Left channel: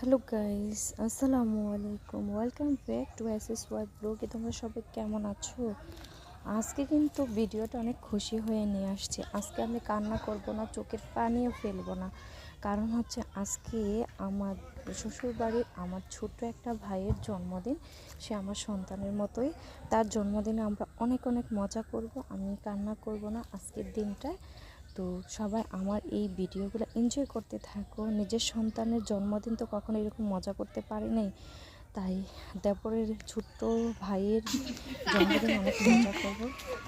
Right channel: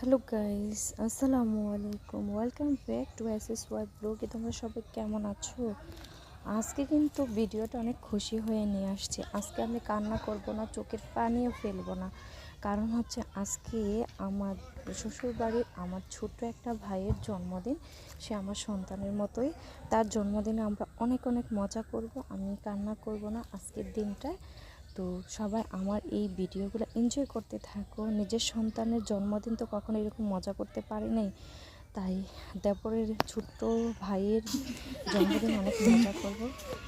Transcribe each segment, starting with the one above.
Hello guys, আসসালামু আলাইকুম। Welcome back to SS Y blog. তোমরা সবাই কেমন আছো? আজকে কিন্তু ভিডিওটা অনেক খুশি হয়ে নিয়ে আসছি। আজকে আমি কান্না করব না, চোখের পানিও ফেলবো না। কারণ হচ্ছে আজকে আমার শ্বশুরবাড়ির আমার ছোট্ট একটা ভাইয়ের জন্মদিন। সে আমার সন্তানের মতোই। তার জন্মদিনে আমরা অনেক অনেক মজা করব। আমি কান্না করব না আজকের দিনটায়। তো সবাই আমার এই ভিডিওগুলো এনজয় করতে থাকো। নিজের সন্তানের জন্মদিন তো কখনো এরকম মজা করতে পারি নাই, তাই দেবরের ছোট্ট ভাইয়ের জন্মদিন অনেক মজা করব।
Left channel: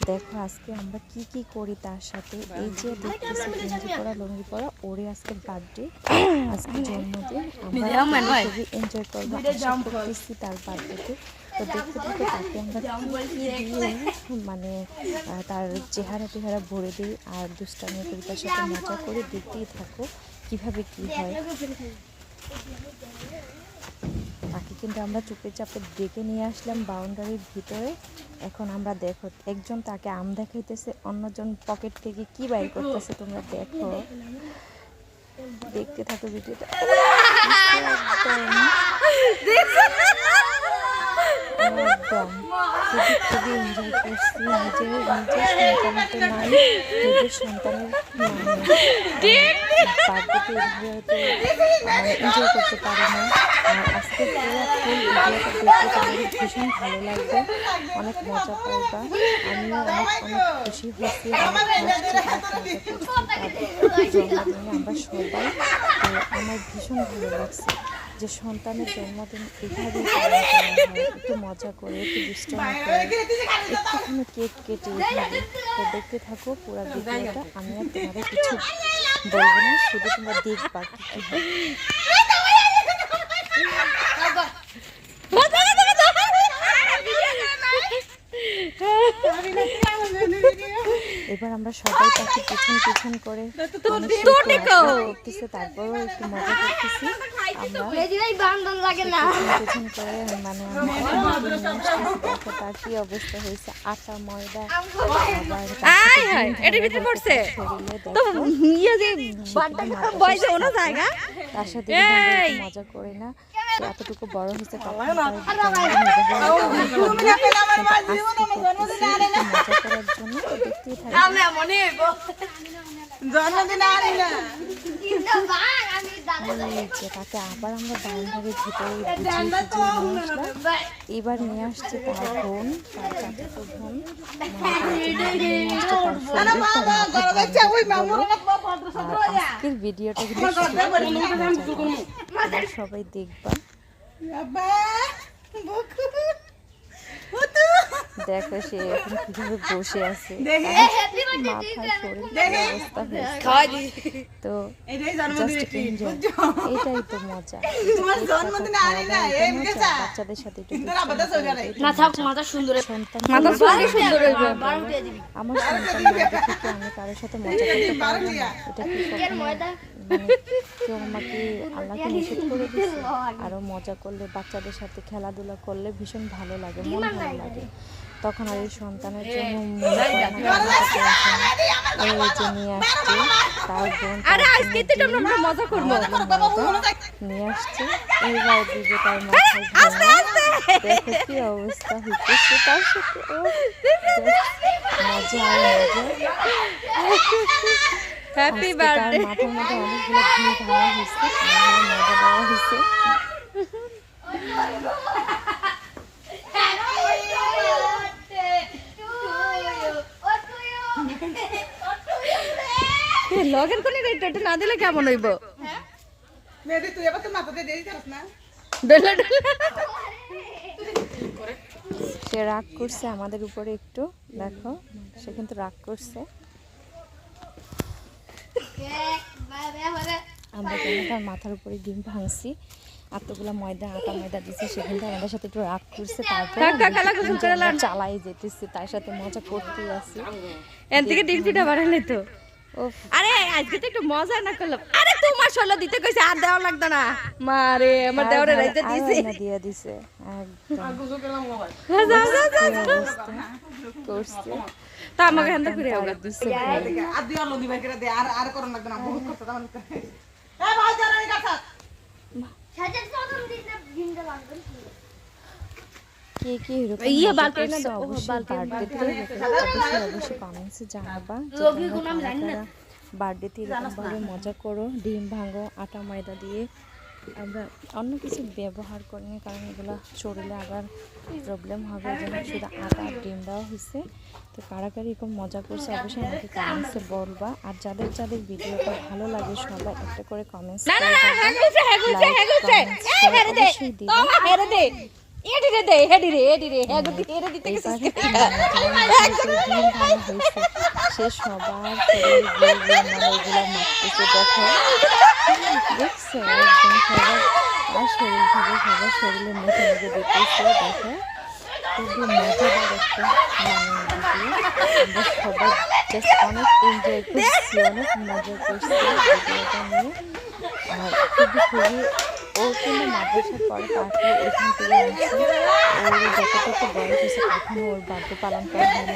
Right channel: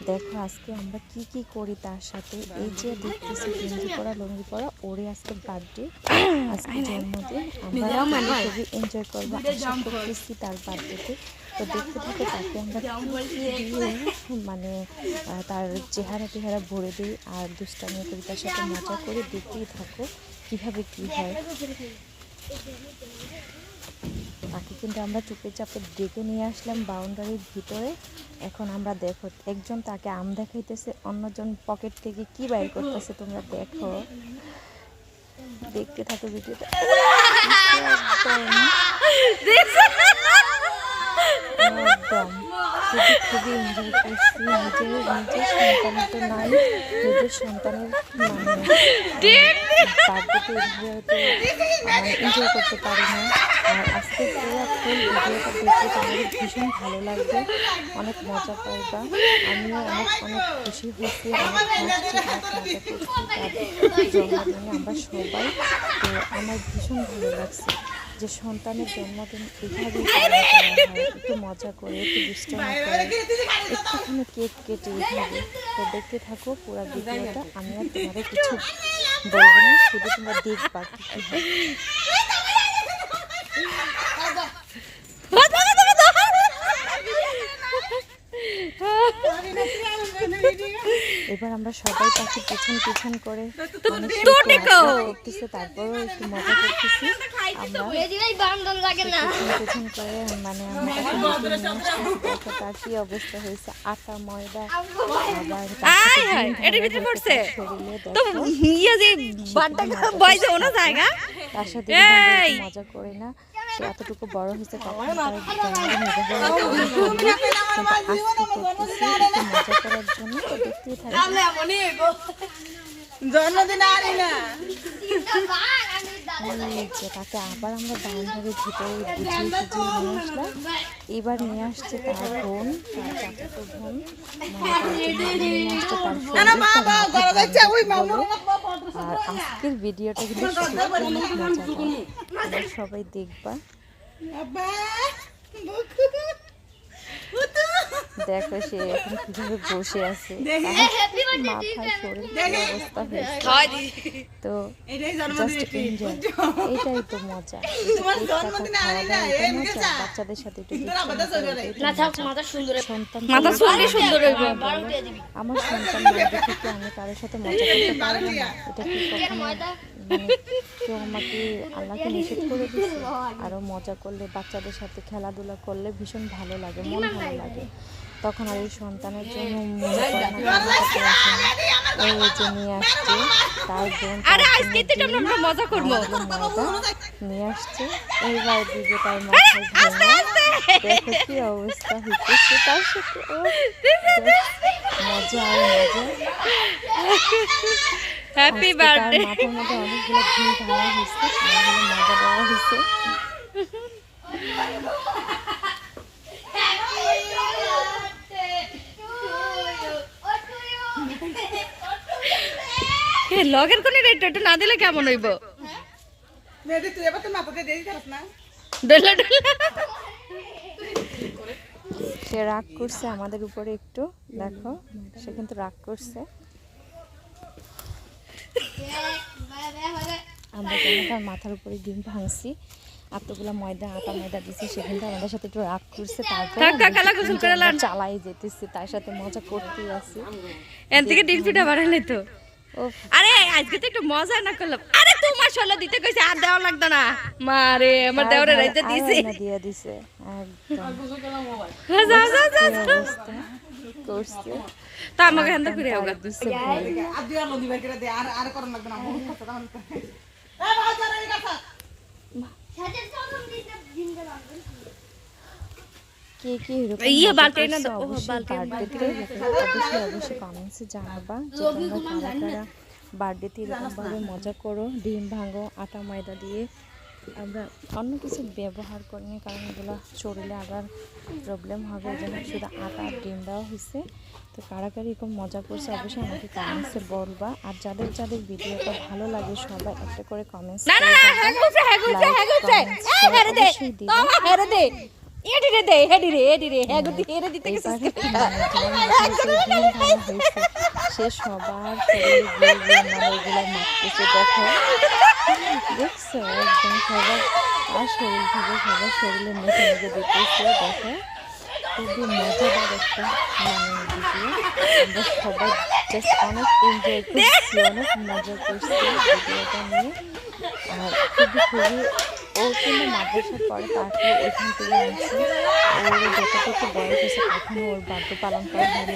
দেখো আজকে আমরা কি কি করি তার সাথে। এই যে দেখতেছি গেঞ্জি পরা লুঙ্গি পরা, ওরে আজকে বার্থডে, আজকে জন্মদিন। আমরা খুবই এনজয় করবো, আশা করতেছি তার বার্থডেতে। তো দেখতে থাকো তাকে আমরা কি দিয়ে মানে তার চেহারা টেহারা ভরে দিই আর দুষ্টামি করি, তার সাথে মজা করে দেখতেই থাকো কিভাবে কি হয়। তাকে কিন্তু আমরা চুপে চাপে ডেকে নিয়ে আসলাম বাউন্ডারির ভিতরে। এখন আমরা দেখো একজন তাকে আম দেখাইতেছে, অন্যজন পকেট থেকে কি বাইর করতেছে, তোমরা দেখো, দেখতে থাকো ভিডিওটা। একদম খুবই এনজয় করছি। নিজের সন্তানের তো নাই, নিজের সন্তানের বার্থডেতে এভাবে এনজয় করতে পারি না। আর আজকে পুরো ফুল ভিডিওটা দেখতে তোমাদের ভীষণ ভালো লাগবে, অনেক মজা পাইবা। আমিও অনেক অনেক খুশি হয়েছি, অনেক হাসছি, অনেক মজা করছি তার জন্মদিনে আমরা সবাই। তো আমার ভীষণ ভালো লাগছে যে সন্তানের জন্মদিন এভাবেই পালন করা হয়, একটু মজা করে, একটু দুষ্টামি করে, একটুখানি কেক কেটে এভাবে। তো দেখতে থাকো পুরো ভিডিওটা। আমি আর তোমাদের কিছু বলবো না, শুধু তোমরা দেখবা কি কি হয়। এবার আমরা সবাই তাকে পিছন পিছন করে করতেছে, তারপরও একটু মজা করতেছি আমরা পিছন পিছন করে। মানে আমরা তাকে ডেকে নিয়ে আসতেছি। দেখো তার কি অবস্থা হয়েছে, আটা ময়দা আবার শরীরে। দেখো তার সাথে মজা করে না, সে এতটুকু বড় হয়েছে কখনো একটু মজা করার জন্য। তো দেখতেই থাকি তাকে আবার আমরা বাউন্ডারির ভিতরে বুঝিয়ে নিয়ে আসলাম। এবার নিয়ে আসছে তার বোন, তার চাচাতো বোন, মানে তার জন্য নিয়ে আসছে তার শরীর, তার মাথা বলো। আর আজকের ভিডিওটা কিন্তু অনেক মজা, তোমরা সবাই দেখবা। দেখো সে এখন কিভাবে বসে আছে, মাথায় শরীর কি অবস্থা হয়েছে। তো জাস্ট এনজয়, এটাই তো মজা। কেক কাটা, খাওয়া দাওয়া, এটা মজা। বাচ্চাদের সাথে একটু আমার সন্তান না দেখে কি আমি কারোর সাথে মজা করতে পারবো না? এটা কি কখনো মানে কেউ আমাকে আল্লাহকে নিষেধ করে দিচ্ছে? আরো মজা করলে, বাচ্চাদের সাথে খেলাধুলা করলে ভীষণ ভালো লাগে, মন ভালো লাগে। তখন আর এই সন্তানের জন্য মনে করে না কান্না করতে আসে না। এই যে নিয়ে আসছে তার বোন, নিয়ে আসছে, এইবার দিবে তার মাথায় ভেঙে। দেখো কি অবস্থা হইতেছে তার সাথে। ও মজা আর মজা। Happy birthday. মাথার মধ্যে অনেকগুলো ঘুম ভাঙা হয়েছে, মজা দেওয়া হয়েছে। লগের কোন রেট না দিলে কেমন হইব? সে রাগ করছে আমাদের উপরে একটু, দেখো সে কিন্তু রাগ করছে। আমরা কিন্তু তার মাথার উপরে ডিম ভাঙছি, এতগুলো আটা ময়দা দিচ্ছে, সে কিন্তু আমাদের সাথে একটু রাগ করছে। তারপর চালাই যেতেছি, তার সাথে মজা করতেই আছি। এর থেকে ডিম পিঠা বানালে তো। আরে আজকে তো একটু মজা না করলাম। আরে তোমার ষোলো দিতে কইছে, আর দেওয়া লাগতো না। মারে আমার দেওয়ারে রাইতে দিছে, দিয়ে দিছে একদম করছে। তা আমাকে হ্যান্ডা করে আওগা দিছে ভাই। আর দিয়া লগি বাই করে দে, আর করন লাগতো না, বহুত কষ্ট। এ ভাই যারা এই কথা কে কে এরকম অবশ্যই কমেন্টসে জানাবা যে তোমরা কারা কারা বার্থডেতে এরকমভাবে মজা করো। ডিম ভাঙো আটা ময়দা দিয়ে, আমরা অন্য কিছু ব্যবহার করিনি কারণ এগুলো শরীরে আবার প্রবলেম হবে, এই জন্য শুধু আটা আর ডিম দেওয়া হয়েছে। তো কারা কারা এরকম মজা করছে অবশ্যই আমাকে কমেন্টসে বলবা। আর যাদের যাদের ভিডিওটা ভালো লাগে সবাই একটা করে কমেন্টস অবশ্যই দিবা। সে সবার এগুলো মাখতেছে, দেখো দেখছো একদম সবার আর শরীর থেকে সবার শরীরে মেখে মেখে দিতেছে। দেখো খুবই মজাদার একটা ভিডিও, আমরা সবাই জাস্ট অনেক এনজয় করছি, অনেক মজা করছি ভিডিওটা নিয়ে। আর খুবই ও কিন্তু মাদ্রাসা পড়ে, তারপরে এখান থেকে আনছে ওর যতটুকু বয়স হয়েছে এখনও ওর বার্থডে পালন করা হয়নি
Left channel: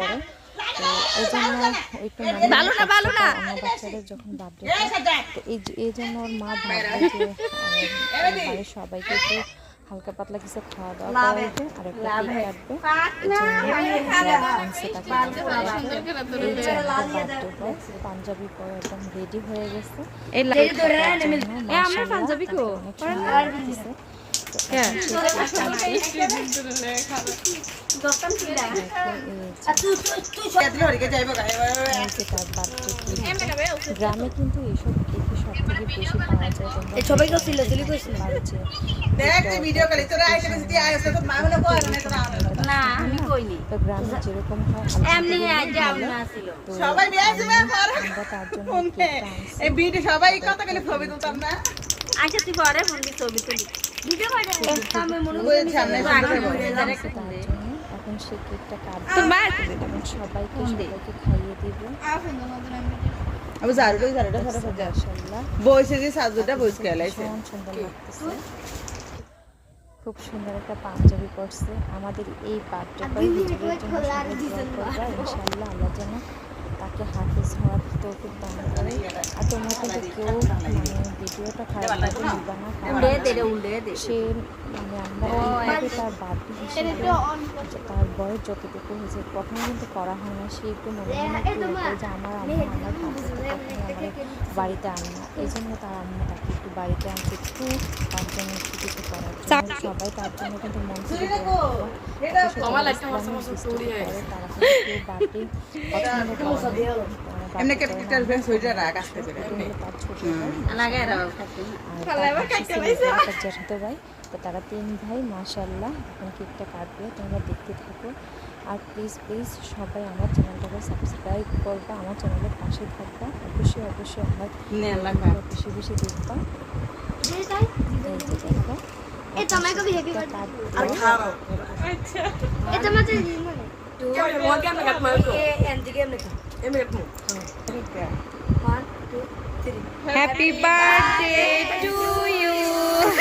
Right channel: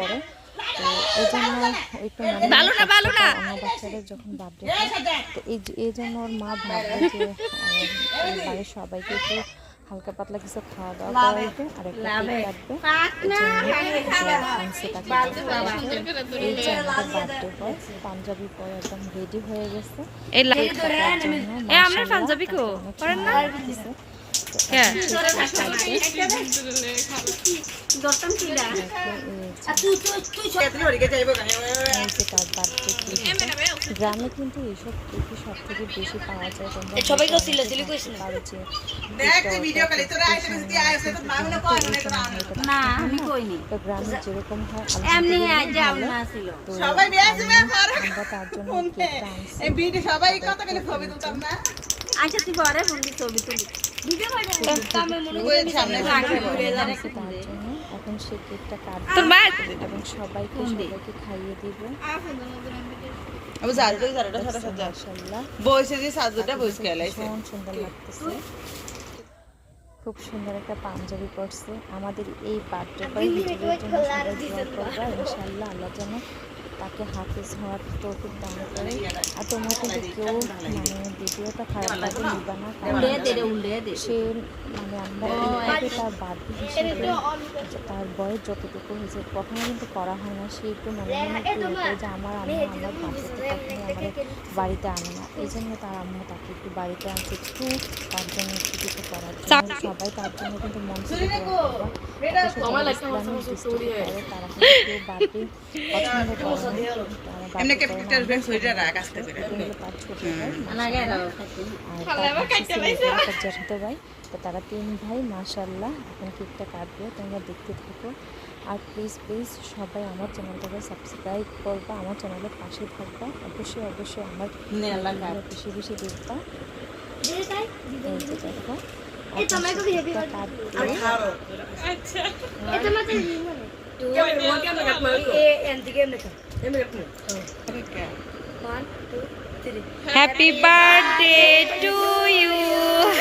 পরে। তো এই জন্য একটু অন্য বাচ্চাদের যখন বার্থডে হয় তো এই জন্য ওর মা ভাববে যে বাড়ির সবাইকে একটু হালকা পাতলা কিছু খাওয়া দাওয়া করাইবে আর একটা কেক কাটবে, এই জন্য আনছে তাকে। এই যে আমাদের বার্থডে বয় পাঞ্জাবি পরে একদম রেডি হয়ে গেছে। গ্রামে কিন্তু এইসব কেকই সব থেকে বেশি পাওয়া যায়। তোমরা তো গ্রামে যেরকম হয় তো আমরা তার জন্য কেকটা আনছি। এখন সে কেকটা কাটবে এবং সবাইকে খাইয়ে দিব। সুন্দর লাগতেছে, খুব সুন্দর একটা পাঞ্জাবি পরছে। আমাদের এই বার্থডে ভিডিওর জন্য সবাই দোয়া করবা, ইনশাআল্লাহ আল্লাহ যেন তাকে হাফিজ হওয়ার তৌফিক দান করে। আর তোমরা কিন্তু কেউ ভিডিওটা খারাপ লাগে নিবা না, কারণ সে আমরা এইভাবে তার বার্থডে হিসেবে তার বয়স যতটুকু হয়েছে কখনো কিন্তু করা হয় না। সে একটু মনে মনে একটু করে যে আমার আম্মু আমার বার্থডেতে কখনোই আমার বাড়িতে আনে না, এই জন্য তার আম্মু তাকে একটু বাড়িতে আনছে একটু তার জন্য একটু কিছু করার জন্য। সবাই তার জন্য কিন্তু মন থেকে দোয়া করবা। ইসলামিক দৃষ্টিতে করে তারা কিন্তু কেউ বার্থডে পছন্দ করে না, তার ছোট ভাই আর তার জ্যাঠাতো ভাই, তো তারা 3 ভাই মাশাআল্লাহ। এখন কেকটা কাটবে, তোমরা দেখতে থাকো। আর প্লিজ সবাই আমার চ্যানেলটাকে সাবস্ক্রাইব করবা, আমার চ্যানেলের পাশে থাকবা, অবশ্যই আমার বেশি বেশি দেখবা। এই যে দেখো কেকটা Happy birthday to you,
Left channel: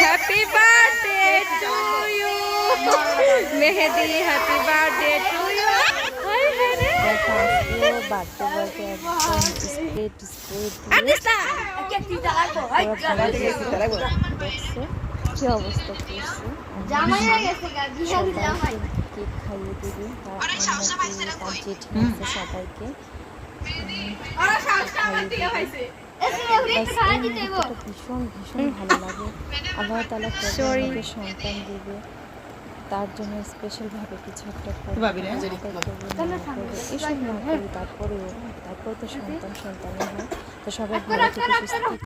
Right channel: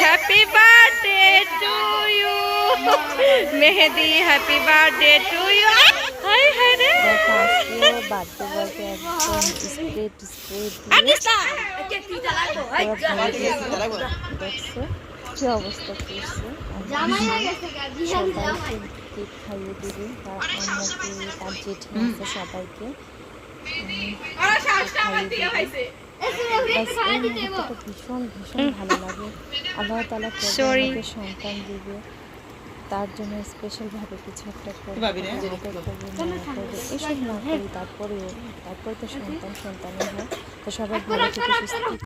happy birthday to you, Mehdi, happy birthday to you. Hi, Hare. Birthday একদম দেখছো কি অবস্থা করছে। সবাইকে কেক খাইয়ে দিবে, তার আম্মুকে তার জেঠি আছে সবাইকে খাইয়ে দিবে। ভীষণ ভালো লাগে। আল্লাহ তাআলা আমাকে সন্তান দিবে, তার জন্য স্পেশালভাবে কিছু একটা করবে, এসব না করি তারপরে তো সন্তানই হয়। তো সবাই ভালো থেকে সুস্থ